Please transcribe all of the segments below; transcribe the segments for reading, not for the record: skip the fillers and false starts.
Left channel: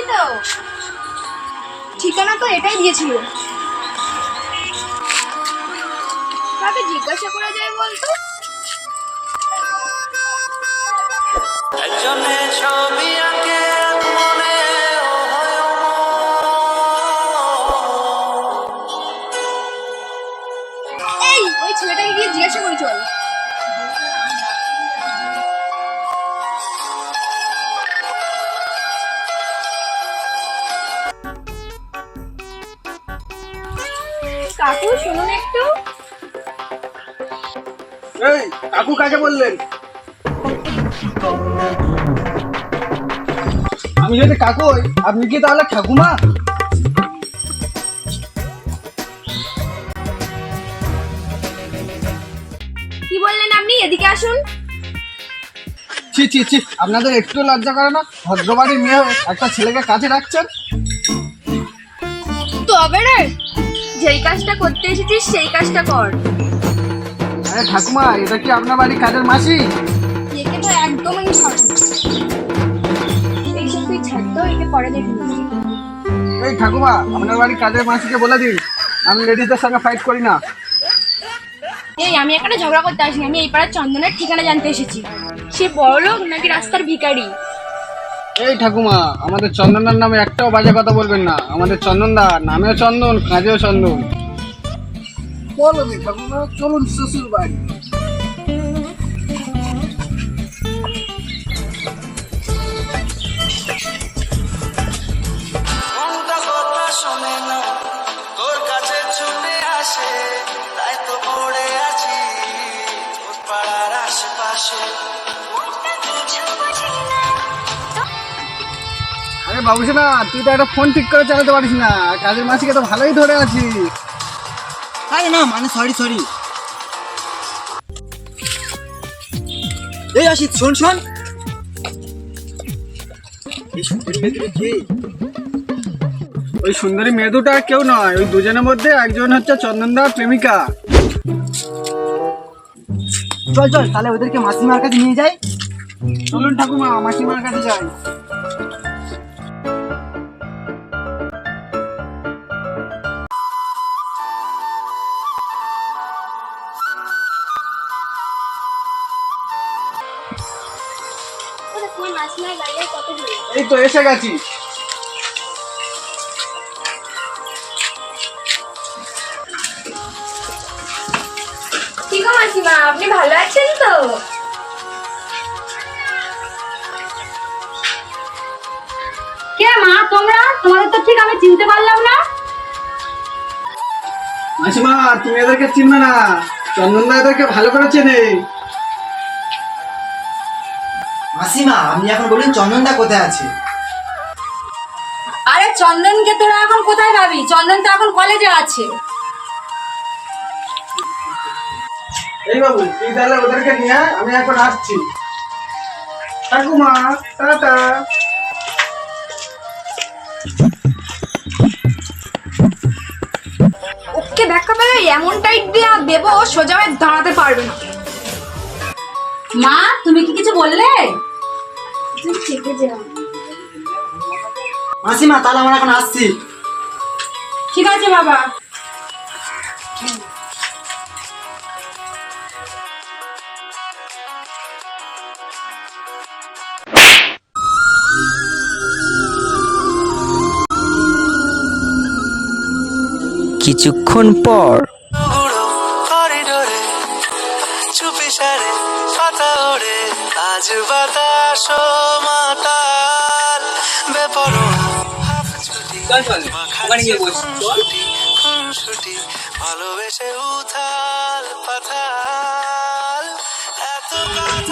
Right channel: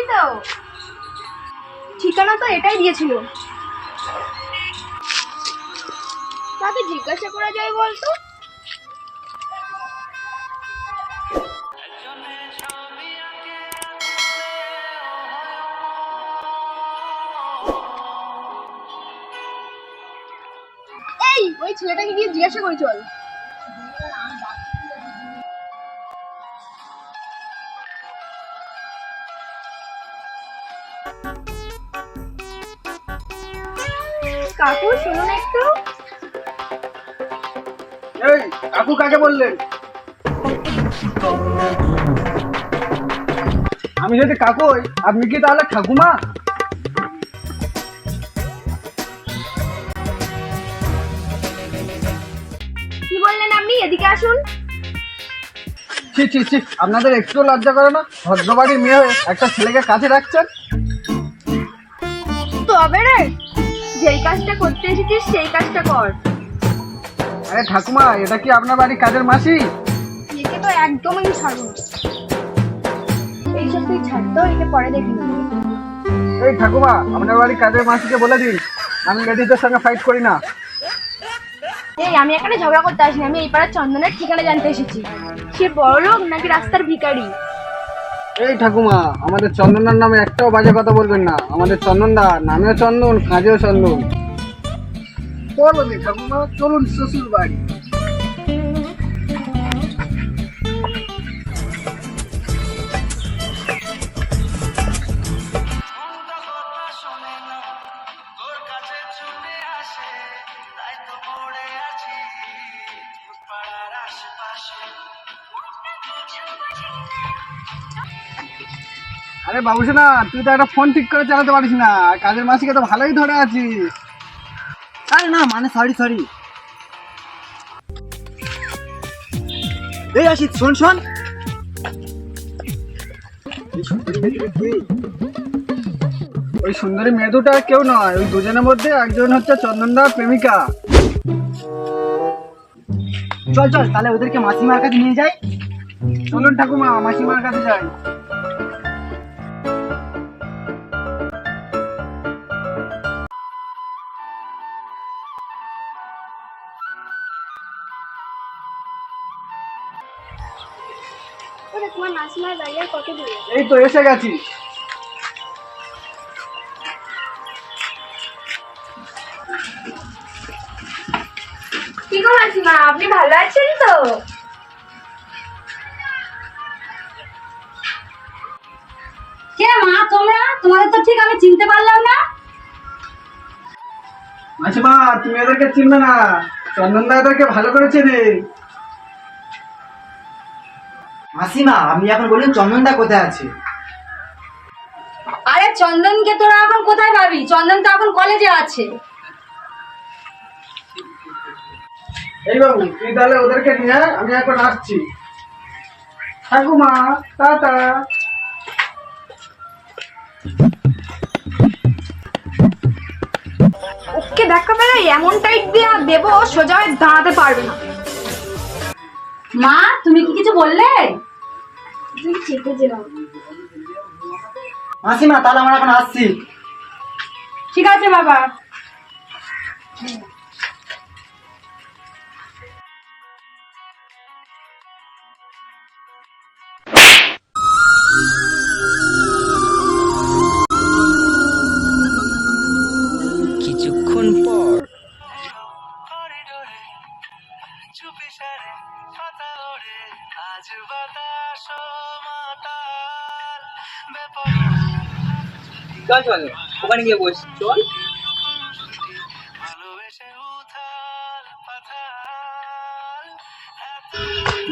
পেয়েছি তো। ঠিকানা তো এটাই দিয়েছিল। কাকে জিজ্ঞাসা করা যায় বলতো? এই ওই ছেলেটাকে গিয়ে জিজ্ঞাসা করি চল। কাকু শুনুন একটু। এই কাকু কাকে বললেন? আমি যদি কাকু হই, আপনি কি তাহলে ঠাকুমা? কি বললেন আপনি? এদিকে আসুন। ছি ছি ছি, আপনাদের একটু লজ্জা করে না? ভদ্রবাড়ির মেয়ে হয়ে একটা ছেলেকে কাছে রাখছেন। তবে রে, যেই কাজটা করতে এসেছিস সেই কাজটা কর। আরে ঠাকুমা, এটা কি আপনার বাড়ির কাজের মাসি? একে তো একদমই ছাড়বো না। এইসব তুই ছাড়তো, একে পরে দেখে নিবি। এই ঠাকুমা, আপনার বাড়ির কাজের মাসিকে বলে দিন আমি লেডিসদের সঙ্গে ফাইট করি না। এই আমি এখানে ঝগড়া করতে আসিনি, আমি এই পাড়ার চন্দনের ঠিকানা জানতে এসেছি। সে বড়লোক নাকি রাস্তার ভিখারি? এই ঠাকুমা, আমাদের চন্দনদার নামে একটাও বাজে কথা বলবেন না। আমাদের চন্দনদা নামেও চন্দন, কাজেও চন্দন। বলো নি ঠাকুমা, চলুন শ্বশুর বাড়ি। আরে বাবুসোনা, তুই তো একটা ফোন ঠিক করে চালাতে পারিস না, কাজের মাসিকে তো ভালোই ধরে আছিস। আরে না, মানে সরি। এই আশিস, শোন। ওই সুন্দরী মেয়ে দুটো আর কেউ নয়, ওই দুজনের মধ্যে একজন হচ্ছে চন্দনদার প্রেমিকা। চল তাহলে ওদেরকে মাসিমার কাছে নিয়ে যাই। চলুন ঠাকুমা, মাসিমার কাছে যাই। তোমার মাসিমার বাড়ি আর কত দূরে? এই তো এসে গেছি। কি গো মাসিমা, আপনি ভালো আছেন তো? কে মা তোমরা? তোমাদের তো ঠিক আমি চিনতে পারলাম না। মাসিমা, তুমি এদেরকে চিনবে না, চন্দনদা এদেরকে ভালো করে চেনে। মাসিমা, আপনি এখন বলুন চন্দনদা কোথায় আছে? আরে চন্দনকে তোরা এখন কোথায় পাবি? চন্দন তো এখন কলেজে আছে। এই বাবু, তুই তাহলে ওদেরকে নিয়ে আয়, আমি এখন আসছি। ঠাকুমা টাটা। ওকে দেখা পেলে এমন টাইট দিয়া দেবো, সোজা হয়ে দাঁড়াতে পারবে না। মা, তুমি কি কিছু বললে? তুমি চেপে যাও। মাসিমা, তাহলে আমরা এখন আসছি। ঠিক আছে বাবা। কিছুক্ষণ পর ওখানে গিয়ে বসছি, চল।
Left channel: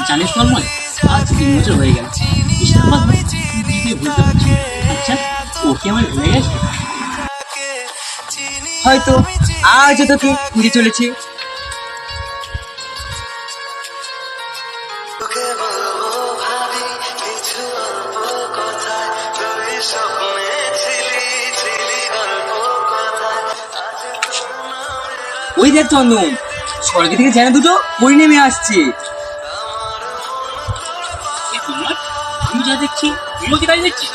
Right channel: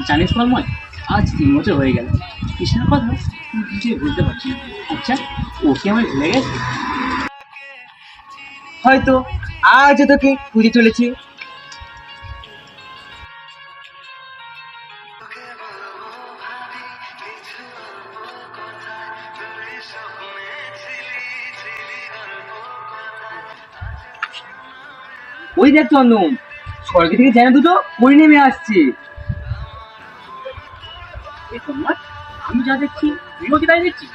জানিস তন্ময়, আজ 3 বছর হয়ে গেল কৃষ্ণের কথা কিছুই বুঝতে পারছি না। আচ্ছা, ও কি আমায় ভুলে গেছে? হয়তো আজও তোকে ঘুরে চলেছে। ওই দেখ চন্দন, স্বর্গ থেকে যেন দুটো পরি নেমে আসছে। আমি যা দেখছি তুইও কি তাই দেখছিস?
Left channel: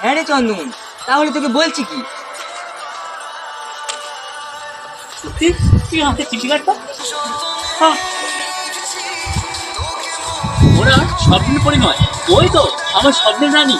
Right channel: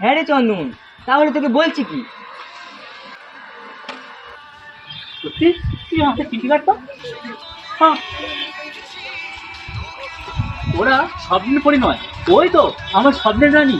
হ্যাঁ রে চন্দন, তাহলে তোকে বলছি কি? সত্যি তুই আমাকে চিঠি কাটতো? হ্যাঁ, ওরা স্বপ্নের পরি নয়, ওই তো আমার স্বপ্নের রানী।